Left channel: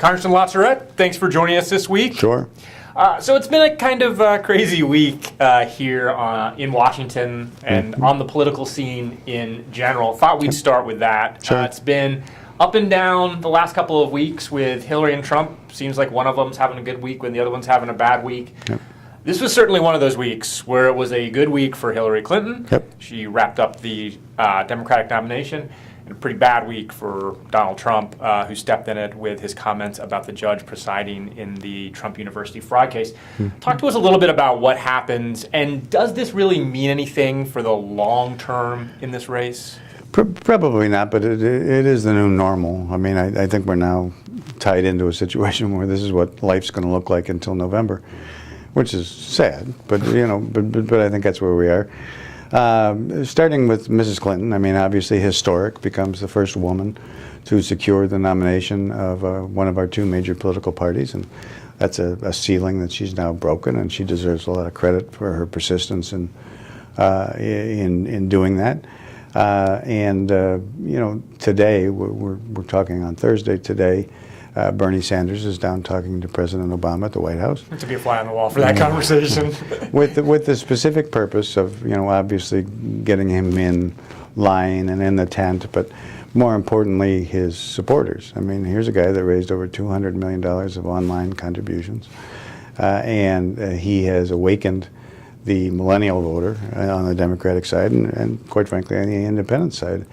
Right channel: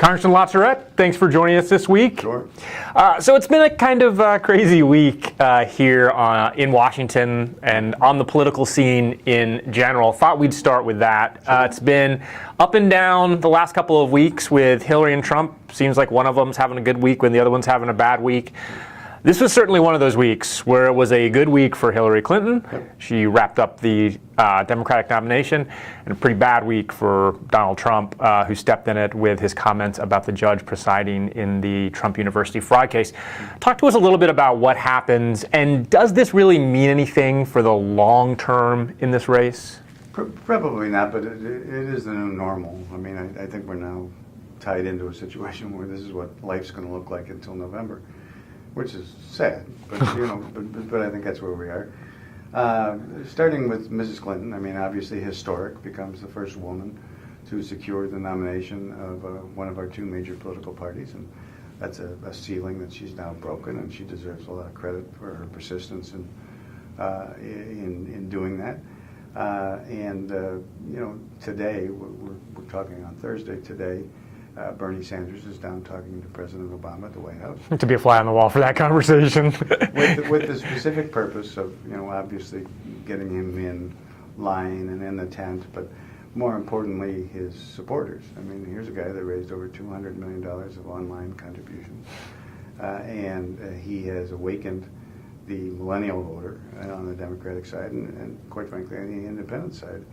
Congressman LaTourette, thanks for joining us this week. Sure. So it's been a kind of crazy week here in Washington and on the political scene in general. Thought we'd start with that. Sure. It's been up and down the last couple of weeks with Hillary and Trump. Seems like one of them's having a good week when the other one's having a bad week. Yep. This was certainly one of those weeks where it was a good week for Hillary Clinton. Yep. She wrapped up the Democratic nomination, and a pretty bad week for Donald Trump, who stepped in it with his comments about the judge presiding in the Trump University fraud case. Talk to us a little bit about what happens, and does this really mean anything for the long term in this race? Probably not, but it is the new normal. I mean, I think we're now tied into a situation where this is what life's going to look like until November, which is sad, but but I think that's where we are. Starting with Mrs. Clinton, I mean, obviously historic, becomes the first woman to secure the nomination of one of our two major political parties, and that's a ceiling that she's now broken, and she deserves a lot of credit for her persistence in doing that. Today we're talking on Thursday. Today, Bernie Sanders is down talking to President Obama at the White House. To be a fly on the wall for that conversation. with the specific purpose of, obviously getting him in line and in the tent, but more importantly, his supporters. I mean, here's a guy that raised over $200 million of online contributions, and he has awakened the millennial voter on the Democratic side and quite frankly, on the independent side.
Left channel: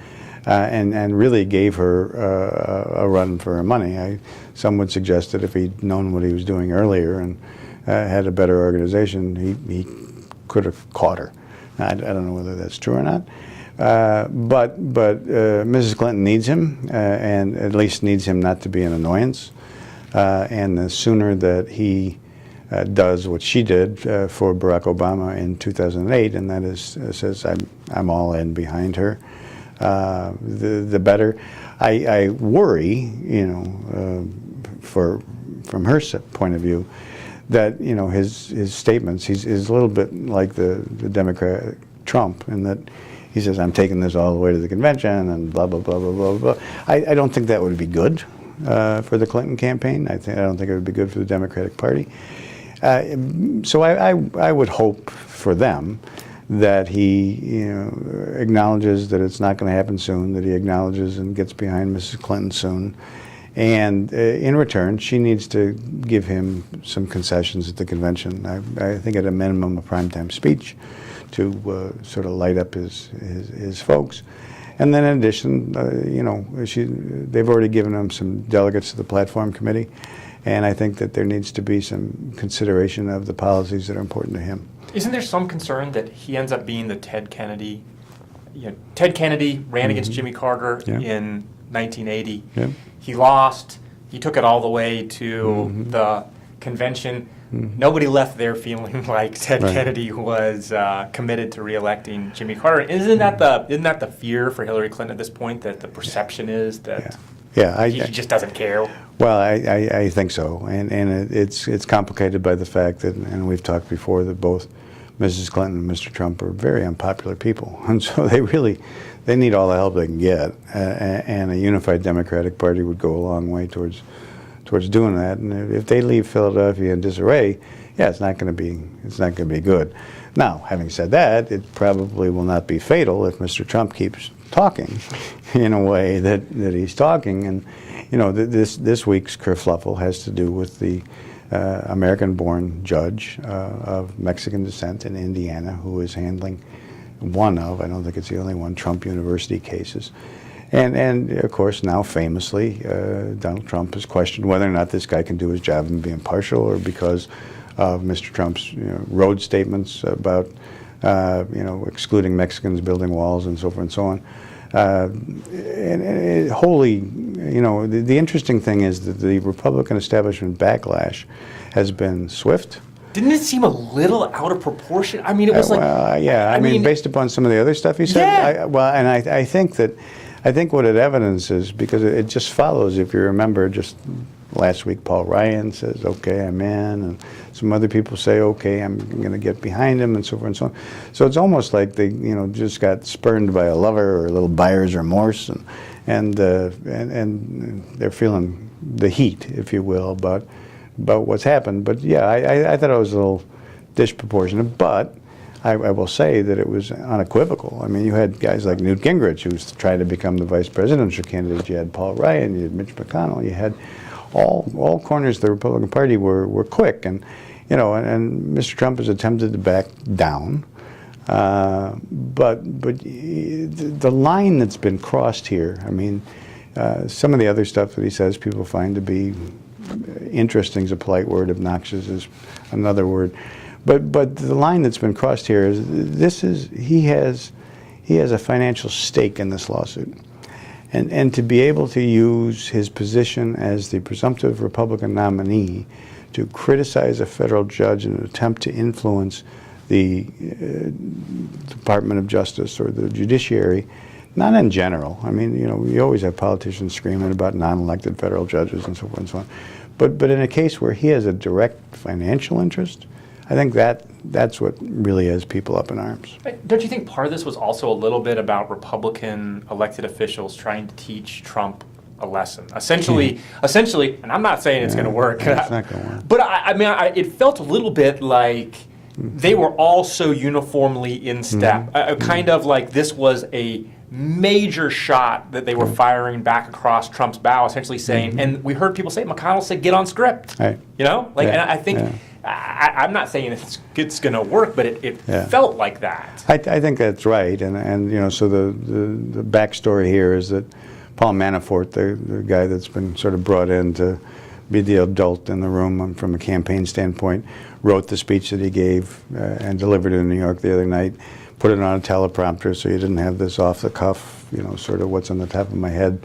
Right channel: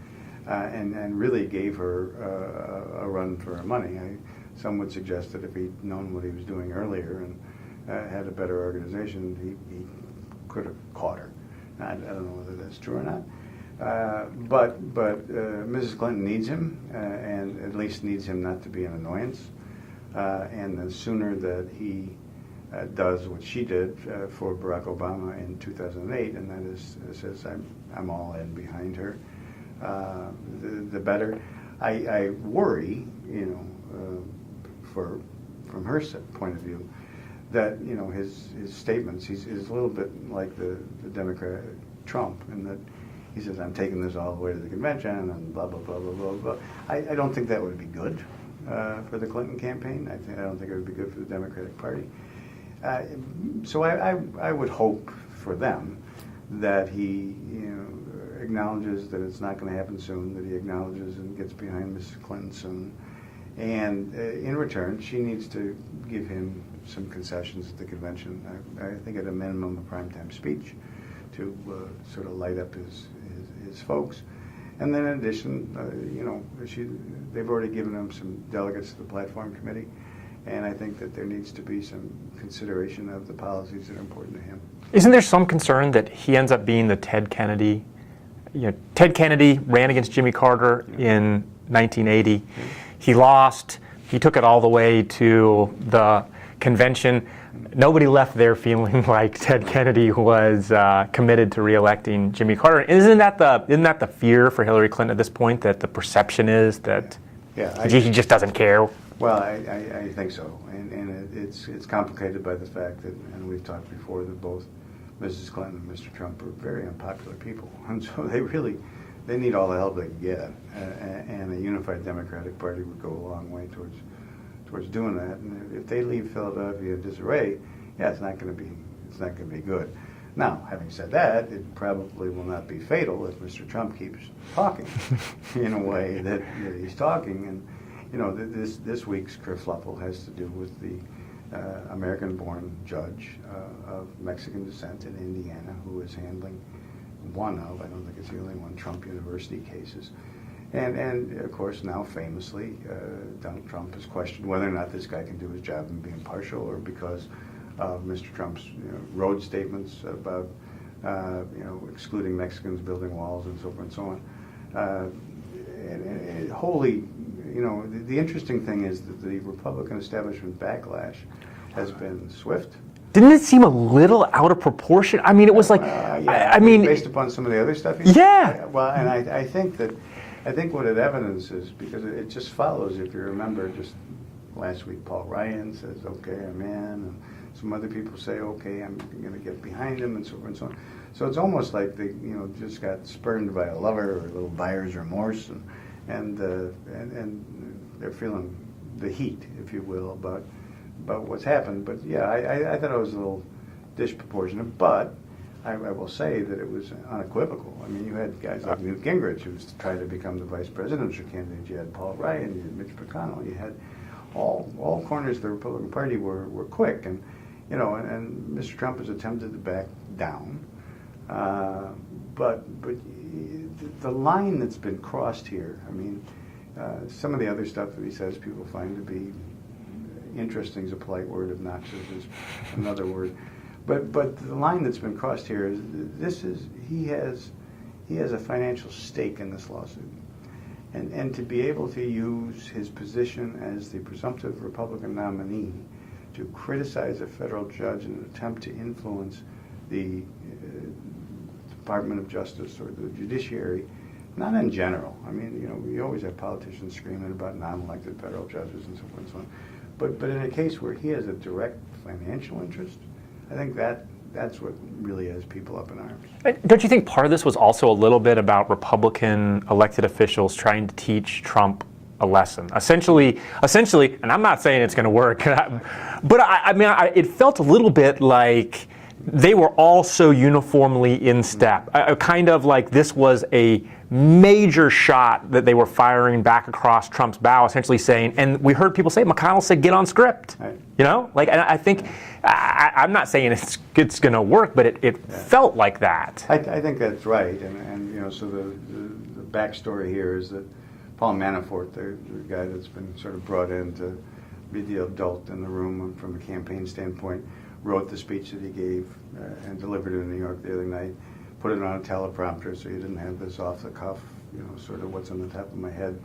And really gave her a run for her money. Some would suggest that if he'd known what he was doing earlier and had a better organization, he could have caught her. I don't know whether that's true or not. But Mrs. Clinton needs him, and at least needs him not to be an annoyance. And the sooner that he does what she did for Barack Obama in 2008, and that is says, I'm all in behind her, the better. I worry, from her point of view, that his statements, he's a little bit like the Democrat Trump, in that he says, I'm taking this all the way to the convention and blah blah blah blah blah blah. I don't think that would be good for the Clinton campaign. I don't think it would be good for the Democratic Party. So I would hope for them that he acknowledges that it's not going to happen soon, that he acknowledges and gets behind Mrs. Clinton soon. And in return, she needs to give him some concessions at the convention. I think at a minimum a primetime speech to sort of light up his folks. And then in addition, they've already given him some delegates to the platform committee. And I think that there needs to be some consideration of the policies that are important to him. Isn't there some concern that he ends up being the Ted Kennedy? Ted Kennedy ran against Jimmy Carter in 1980. Yeah. He lost. He took it all the way to the convention. Nobody left there feeling like Ted Kennedy was committed to re-electing Jimmy Carter. Isn't that the fear for Hillary Clinton at this point? That the perception is that he just doesn't care. Well, I think so, and it's complicated by the fact that, and we've talked before, that both Mrs. Clinton and Mr. Trump are very unpopular people, and so they need all the help they can get, and a unified Democratic Party would go a long way towards doing that. And if they leave Philadelphia in disarray, it's not going to be good. Now, having said that, it probably will not be fatal if Mr. Trump keeps talking in a way that he's talking. And this week's kerfluffle has to do with the American-born judge of Mexican descent in Indiana who is handling one of, I don't think it's the only one, Trump University cases. And of course, now famously, Donald Trump has questioned whether or not this guy can do his job and be impartial, or because of Mr. Trump's road statements about excluding Mexicans building walls and so forth and so on. The interesting thing is that the Republican establishment backlash has been swift. Didn't it seem a little out of proportion? I mean, it was I mean, based upon some of the other stuff he said. Yeah. I think what it evidences, because it just follows, if you remember, just last week Paul Ryan says, okay, I'm in, and some other people say, okay, I'm going to get behind him, and so forth and so on. So it's almost like they, just got spurned by a lover or a little buyer's remorse, and they're feeling the heat, if you will, about what's happened. But yeah, I thought it was a little disproportionate, but I will say that it was unequivocal. I mean, you had guys like Newt Gingrich, who was trying to become the vice presidential candidate. You had Paul Ryan, you had Mitch McConnell, you had all corners of the Republican Party were quick, and Mr. Trump has attempted to back down, but the line that's been crossed here. I mean, some of the other stuff that he says people find to be interesting is a polite word, obnoxious is another word. But the line that's been crossed here is he has a financial stake in this lawsuit. And to be able to use his position as the presumptive Republican nominee to criticize a federal judge in an attempt to influence the Department of Justice or the judiciary, not in general. I mean, you always have politicians screaming about non-elected federal judges and so forth and so on. But in a case where he has a direct financial interest, I think that's what really has people up in arms. Don't you think part of this was also a little bit about Republican elected officials trying to teach Trump a lesson? Essentially, and I'm not saying it's going to work, but I mean, it felt a little bit like they were all so uniformly in step. Kind of like this was a major shot that they were firing back across Trump's bow, essentially saying, and we heard people say, McConnell said, get on script. Right. And I think, I'm not saying it's going to work, but it felt like that. I think that's right, and so the backstory here is that Paul Manafort, the guy that's been sort of brought in to be the adult in the room from a campaign standpoint, wrote the speech that he gave and delivered it in New York the other night, put it on a teleprompter so you didn't have this off the cuff, sort of what's on the top of my head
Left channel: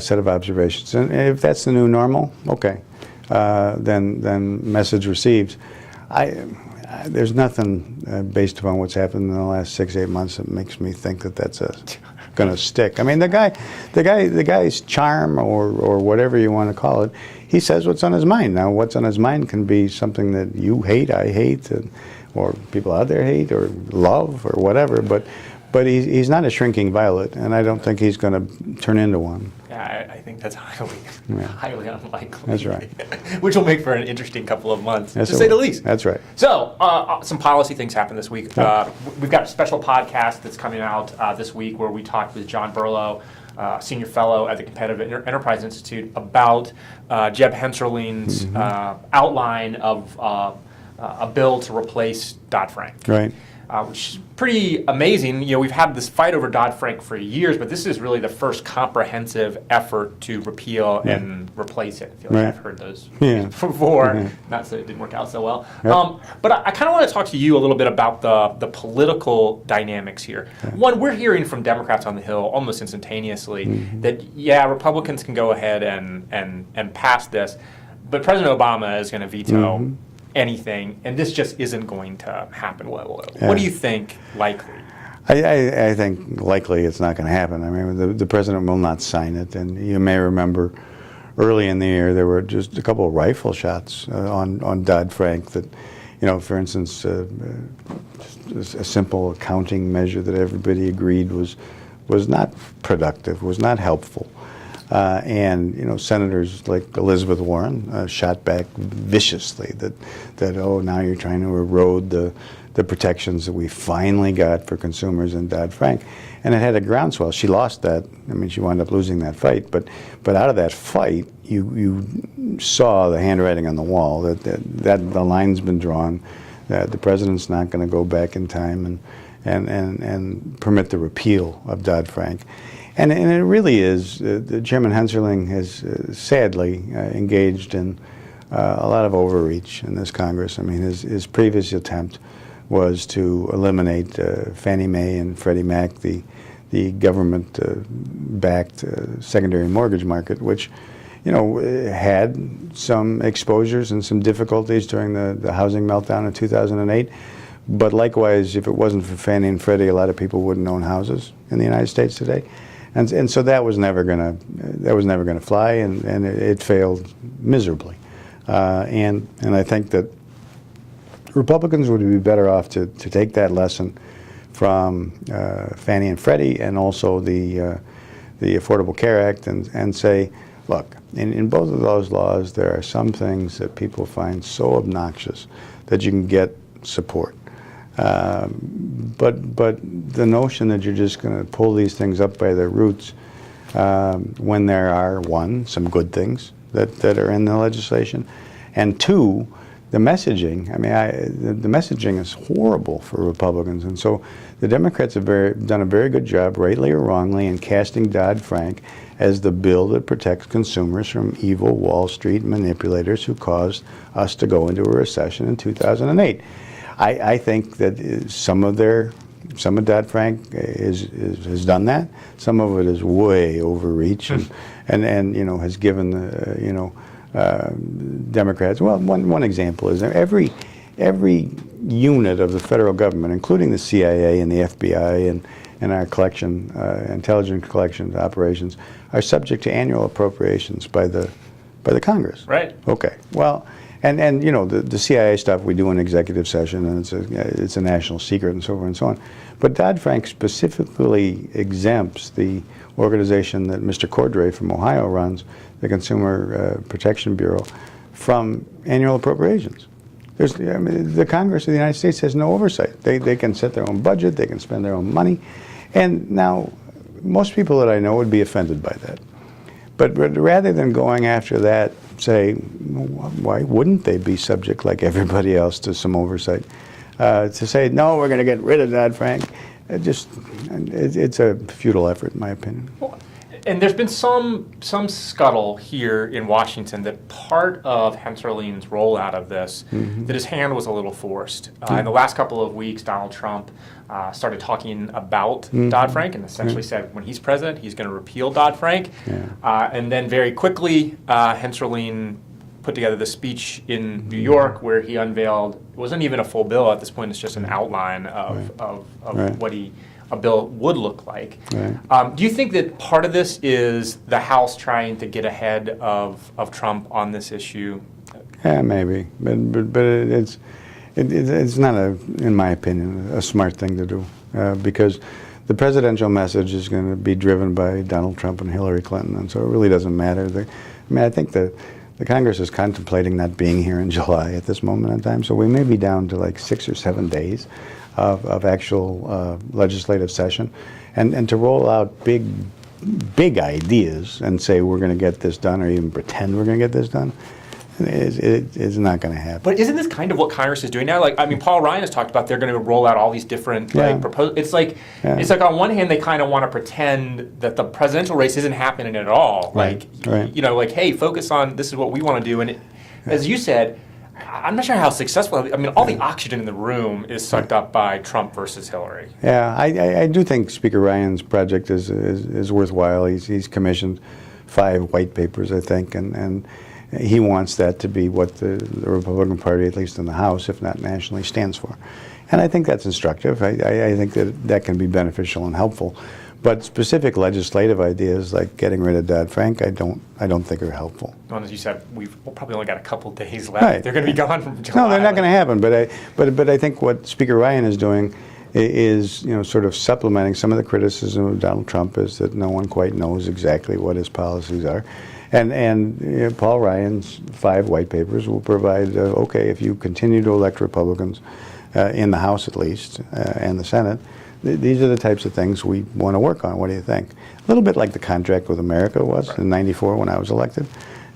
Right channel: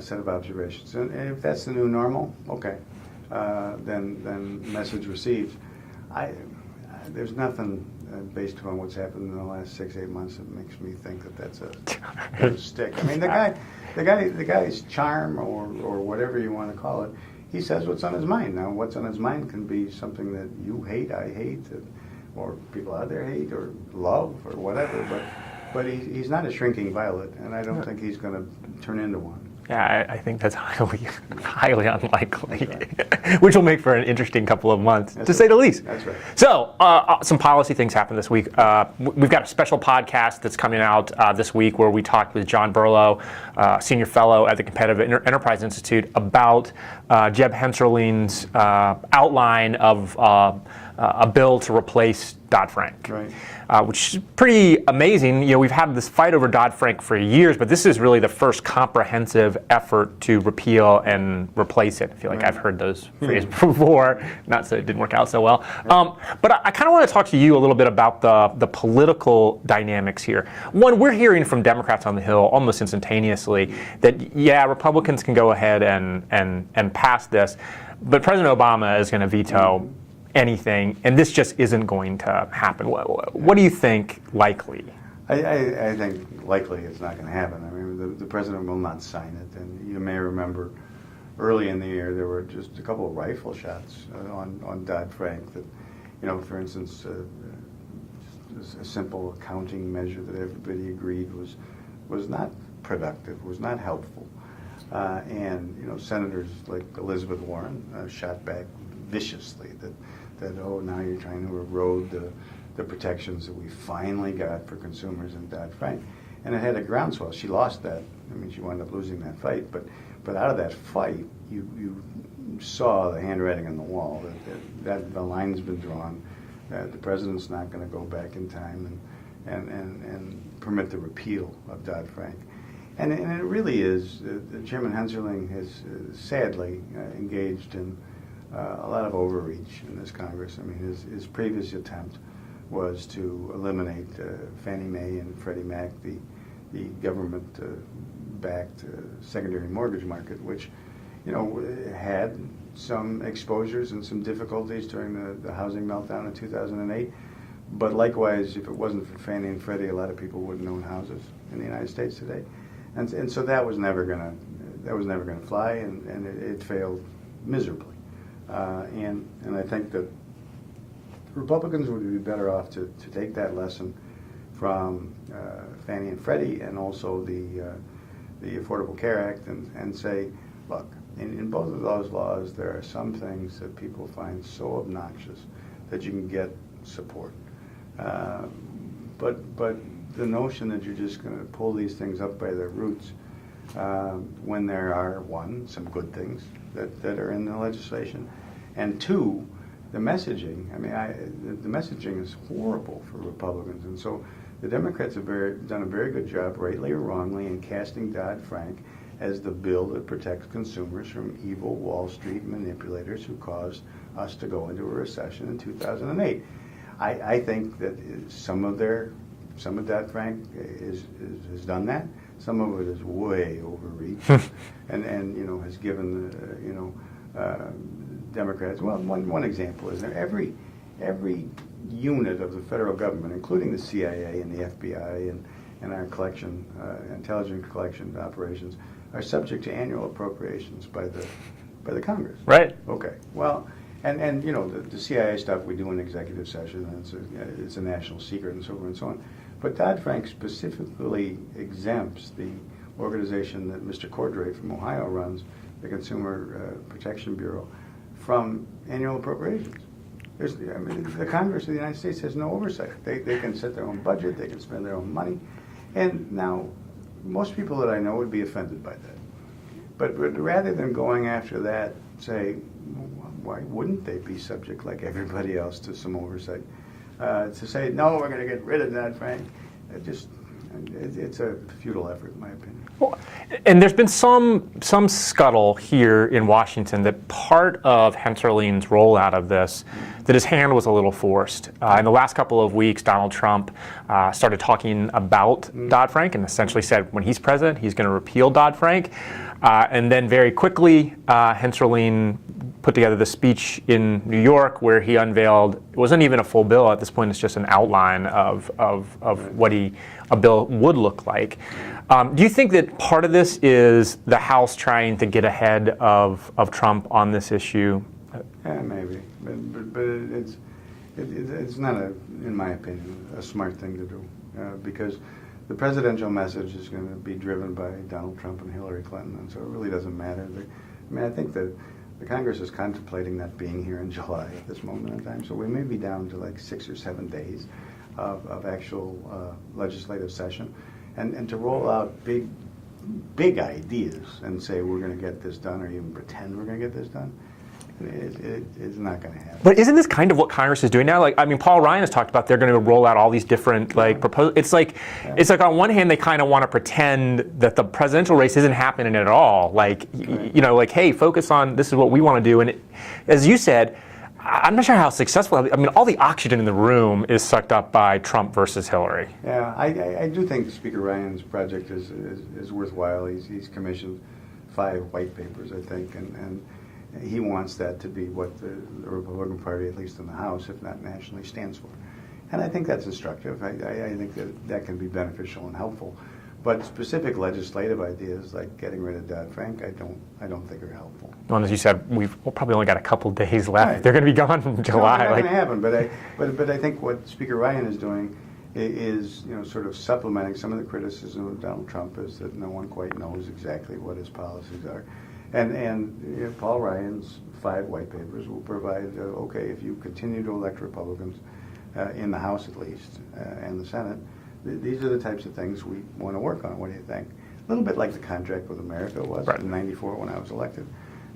set of observations. And if that's the new normal, okay, then message received. There's nothing based upon what's happened in the last 6-8 months that makes me think that that's going to stick. I mean, the guy's charm or whatever you want to call it, he says what's on his mind. Now, what's on his mind can be something that you hate, I hate, or people out there hate, or love, or whatever. But he's not a shrinking violet, and I don't think he's going to turn into one. Yeah, I think that's highly unlikely. That's right. Which will make for an interesting couple of months, to say the least. That's right. So, some policy things happened this week. We've got a special podcast that's coming out this week where we talked with John Burlow, senior fellow at the Competitive Enterprise Institute, about Jeb Hensarling's outline of a bill to replace Dodd-Frank. Right. Which is pretty amazing. We've had this fight over Dodd-Frank for years, but this is really the first comprehensive effort to repeal and replace it. I feel like I've heard those phrases before, not so it didn't work out so well. But I kind of want to talk to you a little bit about the political dynamics here. One, we're hearing from Democrats on the Hill almost instantaneously that, Republicans can go ahead and pass this, but President Obama is going to veto anything, and this just isn't going to happen. What do you think likely? I think likely it's not going to happen. I mean, the president will not sign it, and you may remember early in the year there were just a couple of rifle shots on Dodd-Frank that, for instance, a simple accounting measure that everybody agreed was not productive, was not helpful. And senators like Elizabeth Warren shot back viciously that now you're trying to erode the protections that we finally got for consumers in Dodd-Frank, and it had a groundswell. She lost that. I mean, she wound up losing that fight. But out of that fight, you saw the handwriting on the wall that the line's been drawn. That the president's not going to go back in time and permit the repeal of Dodd-Frank. And it really is, Chairman Hensarling has sadly engaged in a lot of overreach in this Congress. I mean, his previous attempt was to eliminate Fannie Mae and Freddie Mac, the government-backed secondary mortgage market, which, had some exposures and some difficulties during the housing meltdown in 2008. But likewise, if it wasn't for Fannie and Freddie, a lot of people wouldn't own houses in the United States today. And so that was never gonna fly, and it failed miserably. And I think that Republicans would be better off to take that lesson from Fannie and Freddie, and also the Affordable Care Act, and say, look, in both of those laws, there are some things that people find so obnoxious that you can get support. But the notion that you're just going to pull these things up by their roots when there are, one, some good things that are in the legislation, and two, the messaging. I mean, the messaging is horrible for Republicans, and so the Democrats have done a very good job, rightly or wrongly, in casting Dodd-Frank as the bill that protects consumers from evil Wall Street manipulators who caused us to go into a recession in 2008. I think that some of Dodd-Frank has done that. Some of it is way overreach, and you know, has given the Democrats. Well, one example is every unit of the federal government, including the CIA and the FBI and our intelligence collection operations, are subject to annual appropriations by the Congress. Right. Okay. Well, and you know, the CIA stuff we do in executive session, and it's a national secret and so forth and so on. But Dodd-Frank specifically exempts the organization that Mr. Cordray from Ohio runs, the Consumer Protection Bureau, from annual appropriations. The Congress of the United States has no oversight. They can set their own budget, they can spend their own money, and now most people that I know would be offended by that. But rather than going after that, say, why wouldn't they be subject, like everybody else, to some oversight? To say, no, we're going to get rid of Dodd-Frank, it's a futile effort, in my opinion. Well, and there's been some scuttle here in Washington that part of Hensarline's rollout of this, that his hand was a little forced. In the last couple of weeks, Donald Trump started talking about Dodd-Frank and essentially said when he's president, he's going to repeal Dodd-Frank. And then very quickly, Hensarline put together the speech in New York where he unveiled, it wasn't even a full bill at this point, it's just an outline of what a bill would look like. Do you think that part of this is the House trying to get ahead of Trump on this issue? Yeah, maybe, but it's not, in my opinion, a smart thing to do because the presidential message is going to be driven by Donald Trump and Hillary Clinton, and so it really doesn't matter. I think the Congress is contemplating not being here in July at this moment in time, so we may be down to like 6 or 7 days of actual legislative session, and to roll out big ideas and say we're going to get this done, or even pretend we're going to get this done, it's not going to happen. But isn't this kind of what Congress is doing now? Like, I mean, Paul Ryan has talked about they're going to roll out all these different proposals. It's like on one hand they kind of want to pretend that the presidential race isn't happening at all. Like, you know, like, hey, focus on this is what we want to do. And as you said, I'm not sure how successful. I mean, all the oxygen in the room is sucked up by Trump versus Hillary. Yeah, I do think Speaker Ryan's project is worthwhile. He's commissioned 5 white papers, I think, and he wants that to be what the Republican Party, at least in the House, if not nationally, stands for. And I think that's instructive. I think that can be beneficial and helpful. But specific legislative ideas like getting rid of Dodd-Frank, I don't think are helpful. Well, as you said, we've probably only got a couple days left. Right. They're going to be gone from July. No, they're not going to happen. But I think what Speaker Ryan is doing is, you know, sort of supplementing some of the criticism of Donald Trump is that no one quite knows exactly what his policies are. And you know, Paul Ryan's 5 white papers will provide, okay, if you continue to elect Republicans in the House at least, and the Senate, these are the types of things we want to work on. What do you think? A little bit like the contract with America was in '94 when I was elected.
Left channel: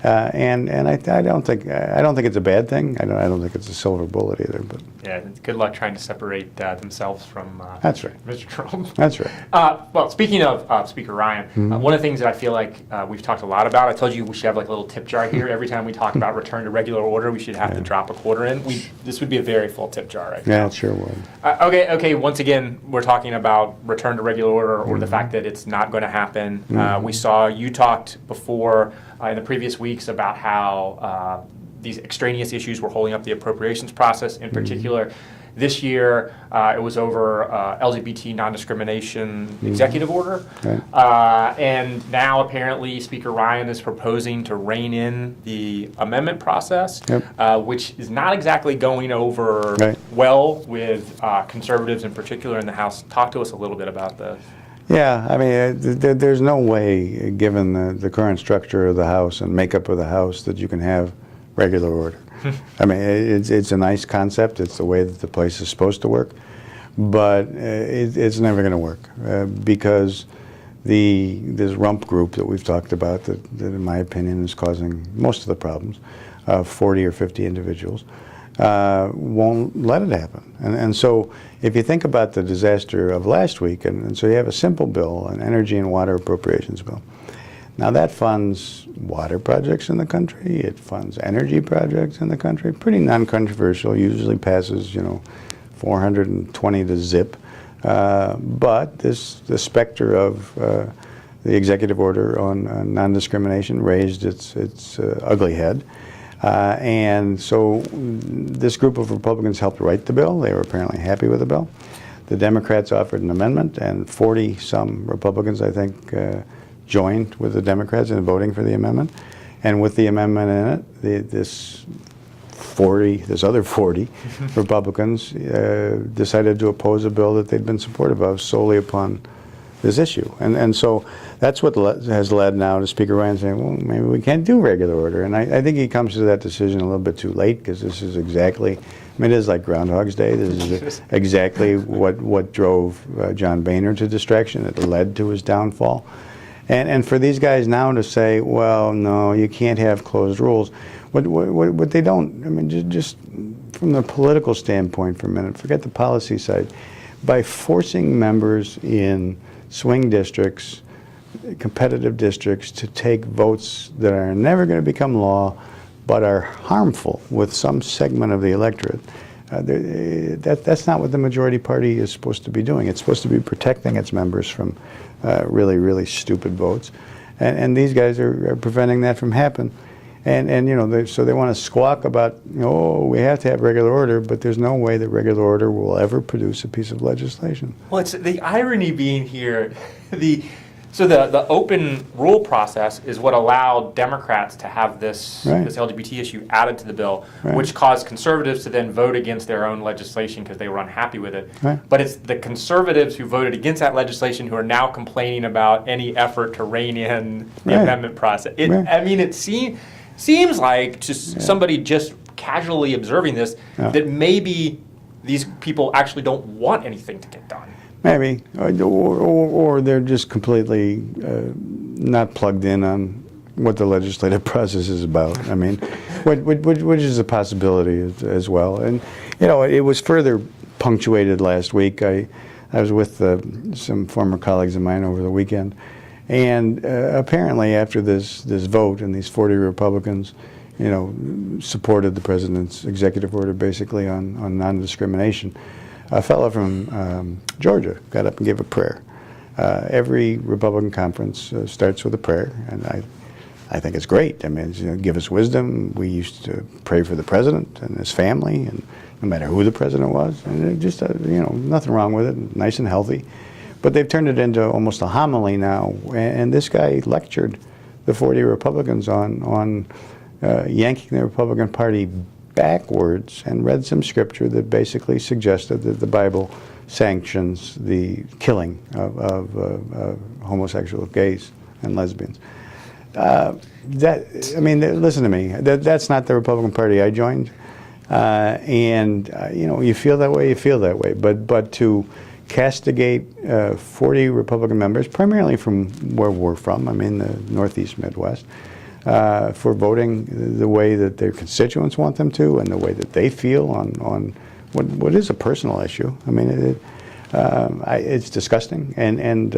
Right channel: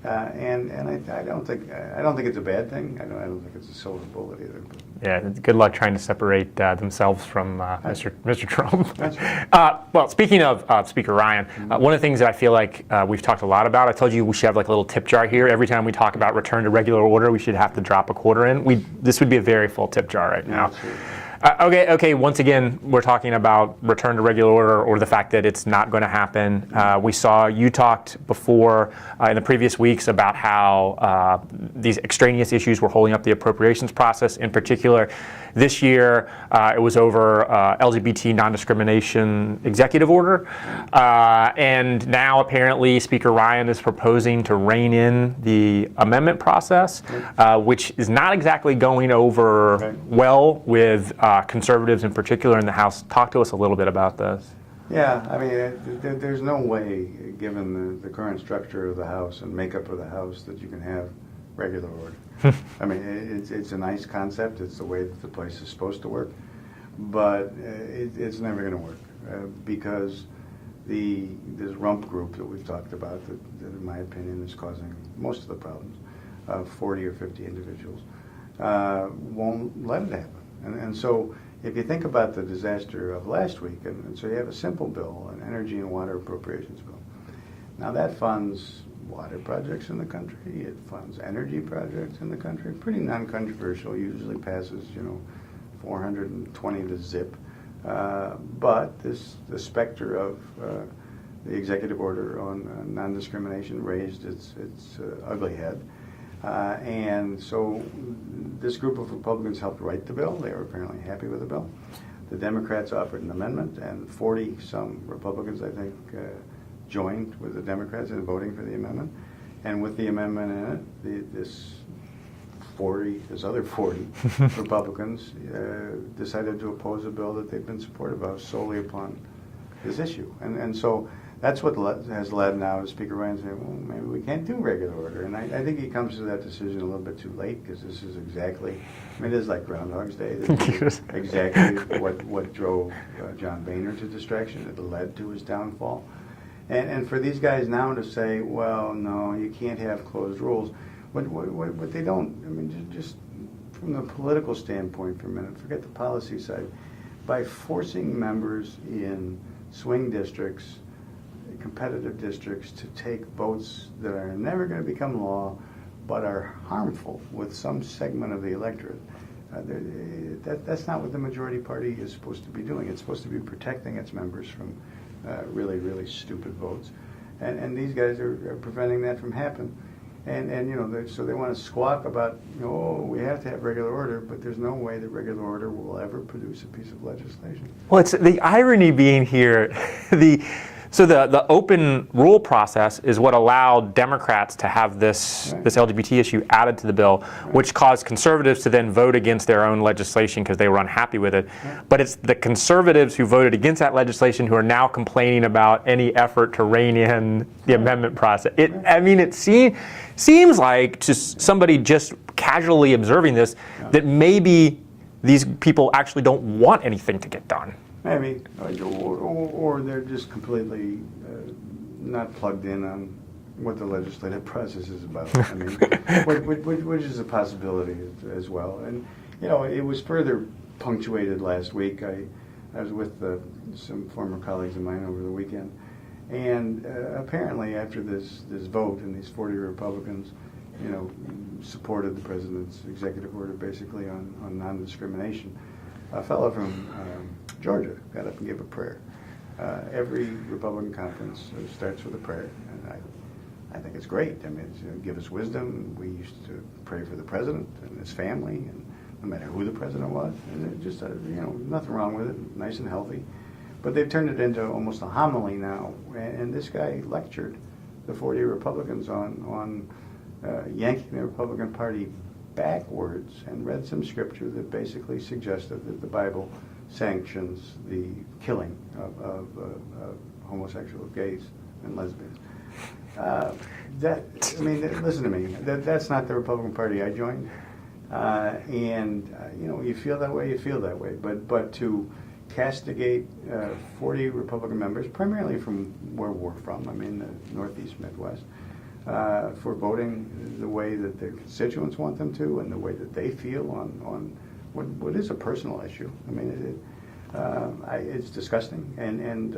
And I don't think it's a bad thing. I don't think it's a silver bullet either. But yeah, good luck trying to separate themselves from Mr. Trump. That's right. Well, speaking of Speaker Ryan, one of the things that I feel like we've talked a lot about, I told you we should have like a little tip jar here. Every time we talk about return to regular order, we should have to drop a quarter in. This would be a very full tip jar right now. Yeah, it sure would. Okay. Once again, we're talking about return to regular order or the fact that it's not going to happen. We saw you talked before in the previous weeks about how these extraneous issues were holding up the appropriations process. In particular, this year it was over LGBT non-discrimination executive order. And now apparently Speaker Ryan is proposing to rein in the amendment process, which is not exactly going over well with conservatives in particular in the House. Talk to us a little bit about this. Yeah, I mean, there's no way, given the current structure of the House and makeup of the House, that you can have regular order. I mean, it's a nice concept. It's the way that the place is supposed to work, but it's never going to work because this rump group that we've talked about, that in my opinion is causing most of the problems, 40 or 50 individuals, won't let it happen. And so if you think about the disaster of last week, and so you have a simple bill, an energy and water appropriations bill. Now that funds water projects in the country, it funds energy projects in the country, pretty non-controversial, usually passes, 420 to zip. But the specter of the executive order on non-discrimination raised its ugly head. And so this group of Republicans helped write the bill. They were apparently happy with the bill. The Democrats offered an amendment, and 40-some Republicans, I think, joined with the Democrats in voting for the amendment. And with the amendment in it, this other 40 Republicans decided to oppose a bill that they'd been supportive of solely upon this issue. And so that's what has led now to Speaker Ryan saying, well, maybe we can't do regular order. And I think he comes to that decision a little bit too late, because this is exactly, it is like Groundhog's Day. This is exactly what drove John Boehner to distraction. It led to his downfall. And for these guys now to say, well, no, you can't have closed rules, what they don't, I mean, just from the political standpoint for a minute, forget the policy side, by forcing members in swing districts, competitive districts, to take votes that are never going to become law but are harmful with some segment of the electorate, that's not what the majority party is supposed to be doing. It's supposed to be protecting its members from really, really stupid votes. And these guys are preventing that from happening. And so they want to squawk about, oh, we have to have regular order, but there's no way that regular order will ever produce a piece of legislation. Well, it's the irony being here, so the open rule process is what allowed Democrats to have this LGBT issue added to the bill, which caused conservatives to then vote against their own legislation because they were unhappy with it. But it's the conservatives who voted against that legislation who are now complaining about any effort to rein in the amendment process. I mean, it seems like just somebody just casually observing this that maybe these people actually don't want anything to get done. Maybe, or they're just completely not plugged in on what the legislative process is about. I mean, which is a possibility as well. And it was further punctuated last week. I was with some former colleagues of mine over the weekend, and apparently after this vote, and these 40 Republicans, supported the president's executive order basically on non-discrimination. A fellow from Georgia got up and gave a prayer. Every Republican conference starts with a prayer, and I think it's great. I mean, give us wisdom. We used to pray for the president and his family, and no matter who the president was, and just nothing wrong with it, nice and healthy. But they've turned it into almost a homily now, and this guy lectured the 40 Republicans on yanking the Republican Party backwards, and read some scripture that basically suggested that the Bible sanctions the killing of homosexual gays and lesbians. Listen to me. That's not the Republican Party I joined, you feel that way. You feel that way. But to castigate 40 Republican members, primarily from where we're from, I mean the Northeast Midwest, for voting the way that their constituents want them to, and the way that they feel on what is a personal issue. I mean, it's disgusting, and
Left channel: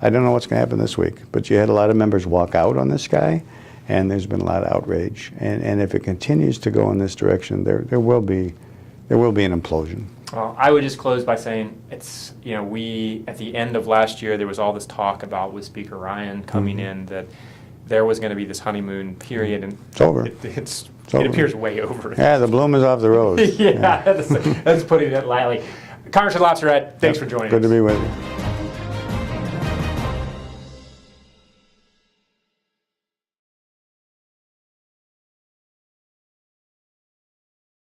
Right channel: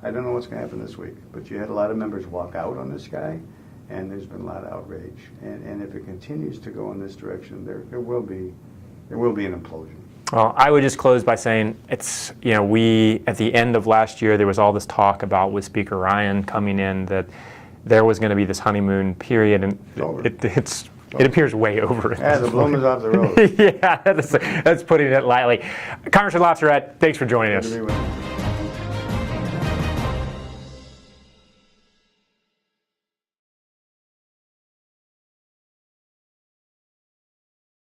I don't know what's going to happen this week. But you had a lot of members walk out on this guy, and there's been a lot of outrage. And if it continues to go in this direction, there will be an implosion. Well, I would just close by saying it's, we, at the end of last year, there was all this talk about with Speaker Ryan coming in that there was going to be this honeymoon period, and it's over. It appears way over. Yeah, the bloom is off the rose. That's putting it lightly. Congressman LaTourette, thanks for joining us. Good to be with you.